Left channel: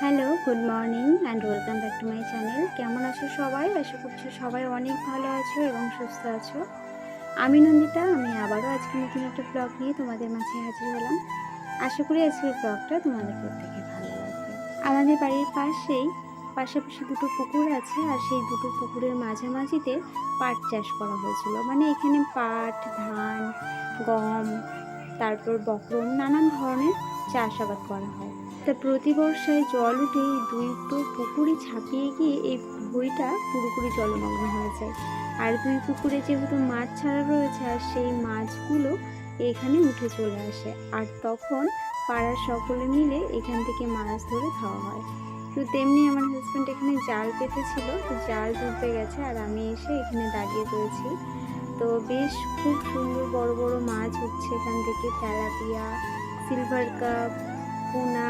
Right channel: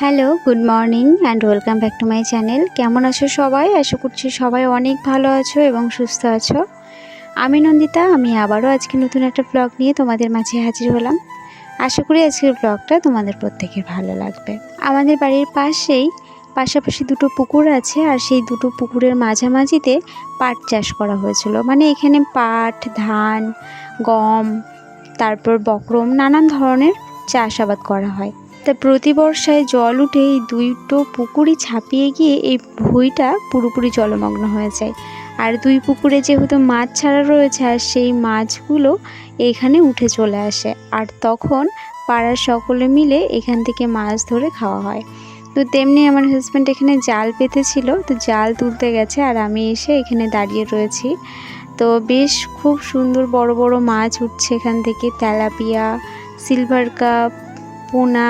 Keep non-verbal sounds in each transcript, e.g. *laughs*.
Hello good morning and welcome back to my channel কেমন আছো সবাই? আশা করছি সবাই অনেক ভালো আছো এবং সুস্থ আছো। আমি নন্দিতা, আমি আবারও আজকে নতুন একটা ব্লগ নিয়ে তোমাদের মাঝে হাজির হলাম। আশা করি আজকের ব্লগটা তোমাদের প্রত্যেকের ভালো লাগবে। আমাদের বাড়ির পাশেই পাশাপাশি দুটো পুকুর আছে আর সেই দুটো পুকুরের মাঝামাঝিতে পাট চাষ করা হয়েছিল। মানে এখানে পাট, ধান, গম, তারপর বকরম নানান ধরনের চাষাবাদ করা হয়। তা প্রতি বর্ষায় জল উঠে এই দুইটো পুকুরই ছাপিয়ে গিয়ে এই ভুঁইটা পুরোপুরি জলমগ্ন হয়ে যায়। আর দুই পুকুরে যেহেতু মাছ ছাড়া রয়েছে, আর সেই মাছগুলো এখানে উঠে চলে আসে। আর তখন পাড়ার সকলে মিলে এখান থেকে মাছ ধরে খাওয়া হয়। তো তেমনি আমার হাজব্যান্ড এখানে জাল পেতেছিল, তো জাল তুলতে গেছে আর আমি এসে এখানে দাঁড়িয়ে রয়েছি। তো বেশ খুব সুন্দর বড় বড় মাছ উঠছে এখান থেকে, তেলাপিয়া সিলভার কাপ পোনা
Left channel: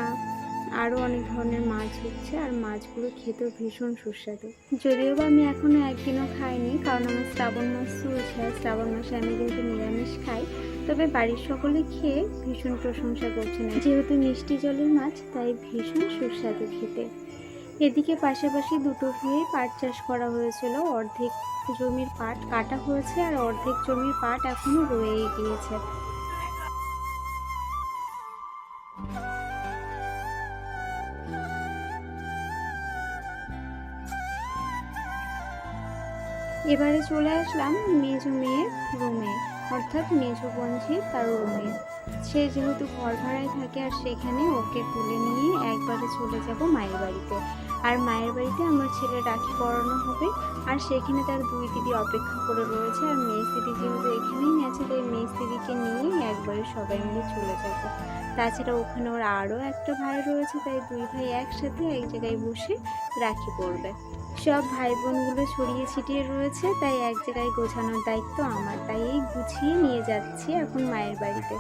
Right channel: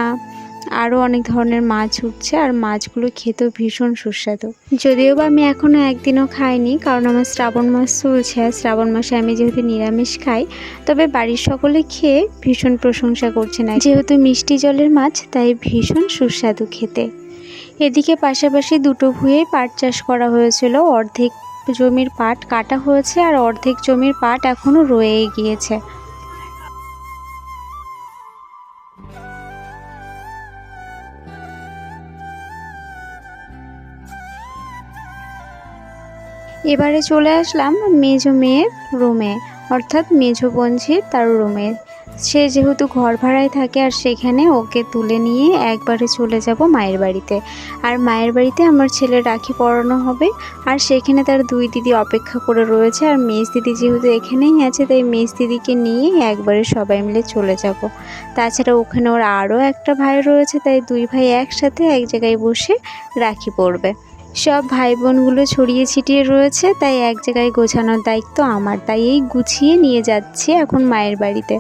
আরও অনেক ধরনের মাছ উঠছে আর মাছগুলো খেতেও ভীষণ সুস্বাদু। যদিও বা আমি এখনও একদিনও খাইনি, কারণ আমার শ্রাবণ মাস চলছে। আর শ্রাবণ মাসে আমি যেহেতু নিরামিষ খাই, তবে বাড়ির সকলে খেয়ে ভীষণ প্রশংসা করছে না যেহেতু মিষ্টি জলের মাছ, তাই ভীষণ সুস্বাদু খেতে। এদিকে পাশাপাশি দুটো ভুঁয়ে পাট চাষ করা হয়েছিল। অর্ধেক জমির পাট কাটা হয়েছে আর অর্ধেক জমির পাট এখনও রয়েই গিয়েছে। এবারে চলে আসলাম মেজো মেয়ের রুমে, অর্থাৎ মেজো বোনঝির তার রুমে। সে যেহেতু ঘর ভাড়ায় থাকে আর সেখানে ওকে তুলে নিয়ে একবারে চলে যাব মায়ের বাড়িতে। আর মায়ের বাড়িতে আমার ছেলে রাখি পরানো হবে, আর সেখানে তার দুই দিদি অপেক্ষা করে রয়েছে। আর মেজ দিদি যেহেতু এখানেই আছে, তাই মেজ দিদিকে নিয়ে একবারে সবাই মিলে চলে যাব। তাছাড়া ওখানে ওর আরও একটা ভাই রয়েছে, তাই দুই ভাই একসাথে এক জায়গায় বসে রাখি পড়বে। সব ভাই বোনগুলো ছড়িয়ে ছিটিয়ে রয়েছে, তাই এক জায়গায় গোছানোর দায়িত্ব আমার, তাই এই গুছিয়ে নিয়ে যাচ্ছি এখন মায়ের বাড়িতে।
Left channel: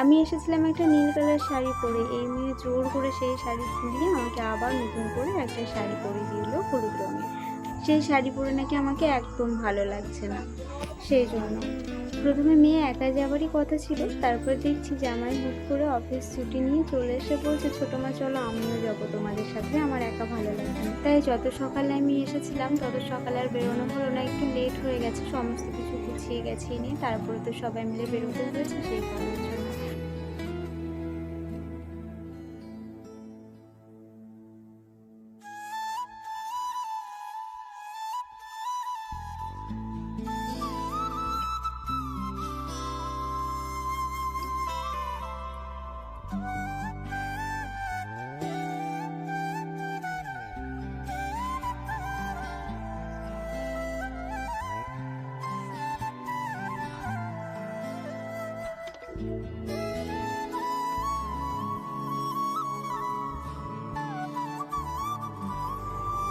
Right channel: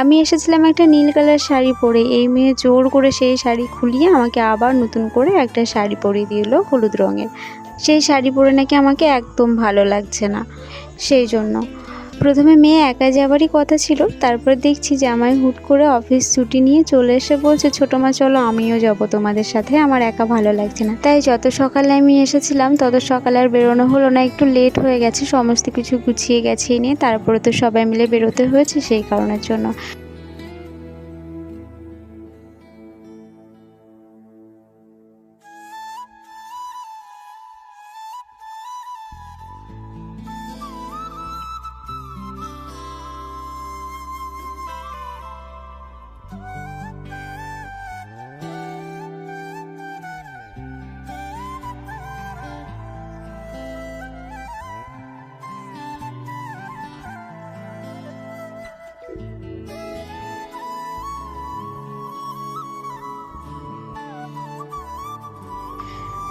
আমি এসেছিলাম একটা নীল কালার শাড়ি পরে, এই মেয়ে জোর করে সেই শাড়ি খুলিয়ে আমাকে আবার নতুন করে একটা শাড়ি পরিয়ে দিল হলুদ রঙের। সেই শাড়ি পরে নাকি আমাকে একদম ভালো লাগছে না, সেই জন্য। প্রথমে মেয়ে একা যাবারই কথা ছিল, তারপর দেখছি যে আমায় হুট করে অফিস ছুটি নিয়ে চলে এসে বলছে, ছোটো মা, চলো আমিও যাব তোমাদের সাথে, আমার একা ভালো লাগছে না। তাই যত সকালে আমি এসেছিলাম, তত সকালে আর বেরোনো হলো না, একটু লেট হয়ে গেছে, সমস্ত কিছু গুছিয়ে গেছে নিয়ে, তারপরে তো সবাই মিলে বেরোতে হয়েছে সেই কারণের জন্য।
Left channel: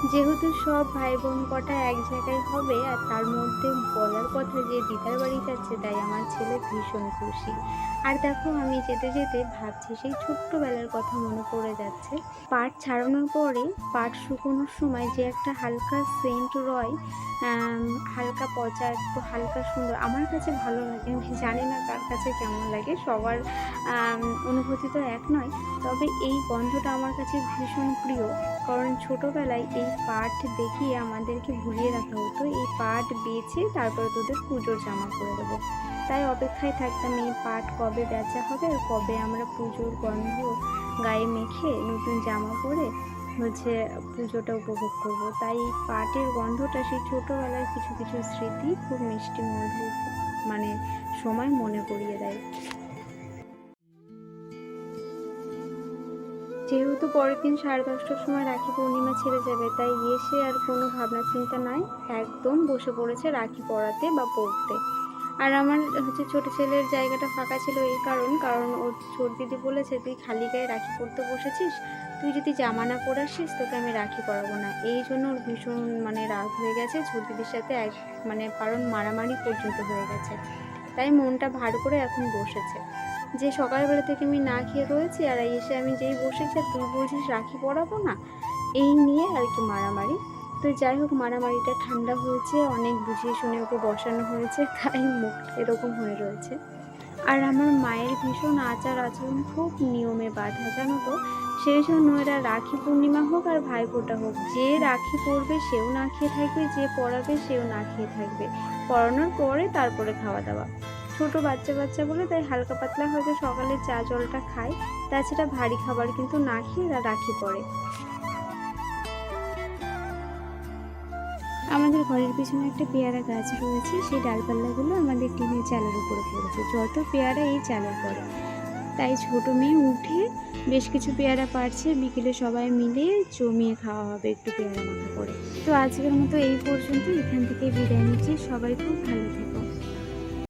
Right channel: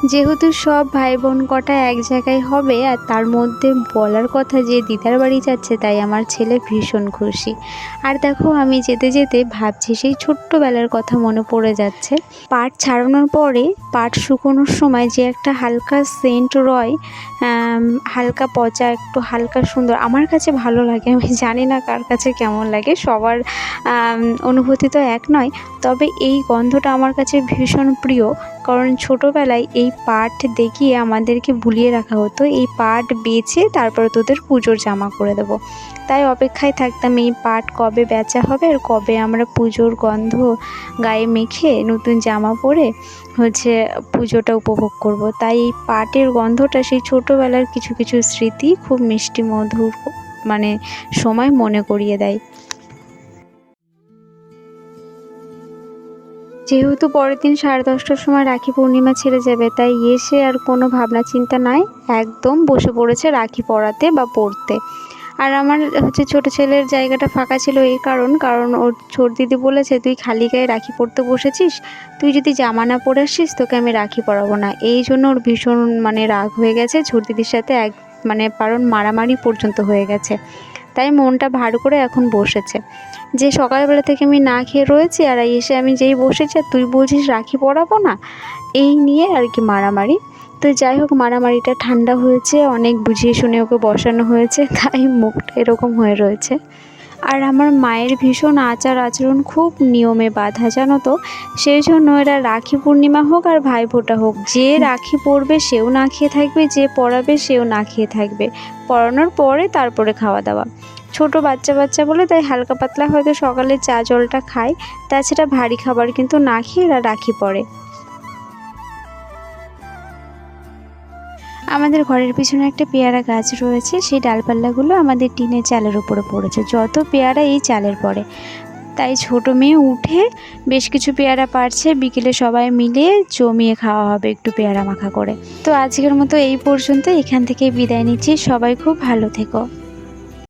যেহেতু সব ভাই বোন কটা এক জায়গায় হবে আর তার মধ্যে বলার কথা যে দিদার বাড়ি যাচ্ছে তাই আমার ছেলে ভীষণ খুশি। আর দেখো আমি যেতে যেতে ভাবছি সেই ছোট্টবেলার কথা মনে পড়ে যাচ্ছে। পাট ছাড়ানোর পরে পাট শুকোনোর সময় যে একটা হালকা সেন্ট রয় হালকা পচা, একটু হালকা সুন্দর, আমার কাছে ভালো লাগে, আমি জানি না কার কাছে কেমন লাগে, সবার অনুভূতি তো এক নয়, তবে এই গন্ধটা আমার কাছে ভীষণ প্রিয়। কারণ ছোটোবেলায় এই পাট দেখিয়ে আমাদেরকে ভুলিয়ে রাখা হতো। এই পাট বেচে তারপরে তোদের পুজোর জামা করে দেবো। তাই অপেক্ষায় থাকতাম এই পাট কবে বেচা হবে আর কবে আমরা পুজোর গন্ধ গায়ে মেখে নতুন জামা পরে হচ্ছে পুজোটা উপভোগ করব। তাই এই পাটের গন্ধটা সেই ছোটোবেলার কিছু কিছু স্মৃতি খুব মিষ্টি মধুর মানে সময় মনে করিয়ে দেয়। যেহেতু পরের দিন সাড়ে দশটার সময় রাখি পূর্ণিমা ছেড়ে যাবে, তাই এসে আর কোনো ভাবনা চিন্তা নাই। একদম বসে পড়েছে রাখি পরাতে বা পরতে আর আমার হচ্ছে ছোট ছেলের জায়গাটা ফাঁকা ছিল এই কারণ কারণ ওর ছোট দিদি বলেছে, তুই খালি গায়ে রাখি পরতে বসেছিস? তুই যদি জামা না পরে আসিস, তোকে আমি রাখি পরাবো না। এই জন্য ওর ভীষণ মানে রাগ হয়ে গেছে। ছোট দিদির সাথে এক মানে কারণ মারামারি পর্যন্ত হয়ে গেছে। তাই মনটা ভার করে এখন বসেছে। যে সকালবেলা থেকে আমি না খেয়ে রয়েছি আর এসে আমি যেই বসেছি আর তুই বলছিস রাখি পরাবো না এই নিয়ে আর কি মারামারি। তো যাই হোক মারামারিটা ঠান্ডা হয়েছে অনেক বুঝিয়ে শুনে ওকে বসানো হয়েছে *laughs* তাই মুখটা এরকম হয়ে রয়েছে। আর আমার মায়ের ভীষণ আচার আচরণ খুব নিয়মে বাঁধা জানো তো? সেই জন্য এরা রাখি পূর্ণিমা হোক আর ভাইফোঁটা হোক যে রাখি পরবে সেও না খেয়ে থাকবে যে পরাবে সেও না খেয়ে থাকবে। পরানোর পরে তারপরে খাওয়া দাওয়া। ছোট বাচ্চা বাচ্চা বলে তাই হালকা পাতলা হয়তো সকালে চা জলটা খায়। তাছাড়া ভারী খাবার কিন্তু না খেয়ে এরা রাখি পরে আমাদের ঘরের পিছনে একটা পেয়ারা গাছ রয়েছে, সেই ডালপাল্লাগুলো আমাদের টিনের চালের উপরে পড়েছে। যত পেয়ারা এই চালের পড়ে। তাই ছোট মেয়ে উঠে বেশ কিছু পেয়ারা পারছে বিকেলে সবাই মিলে জমিয়ে খাওয়া হবে একটু পেয়ারা মাখা করে। তো আজকের মতো এই পর্যন্ত এখান থেকে বিদায় নিচ্ছি, সবাই খুব ভালো থেকো।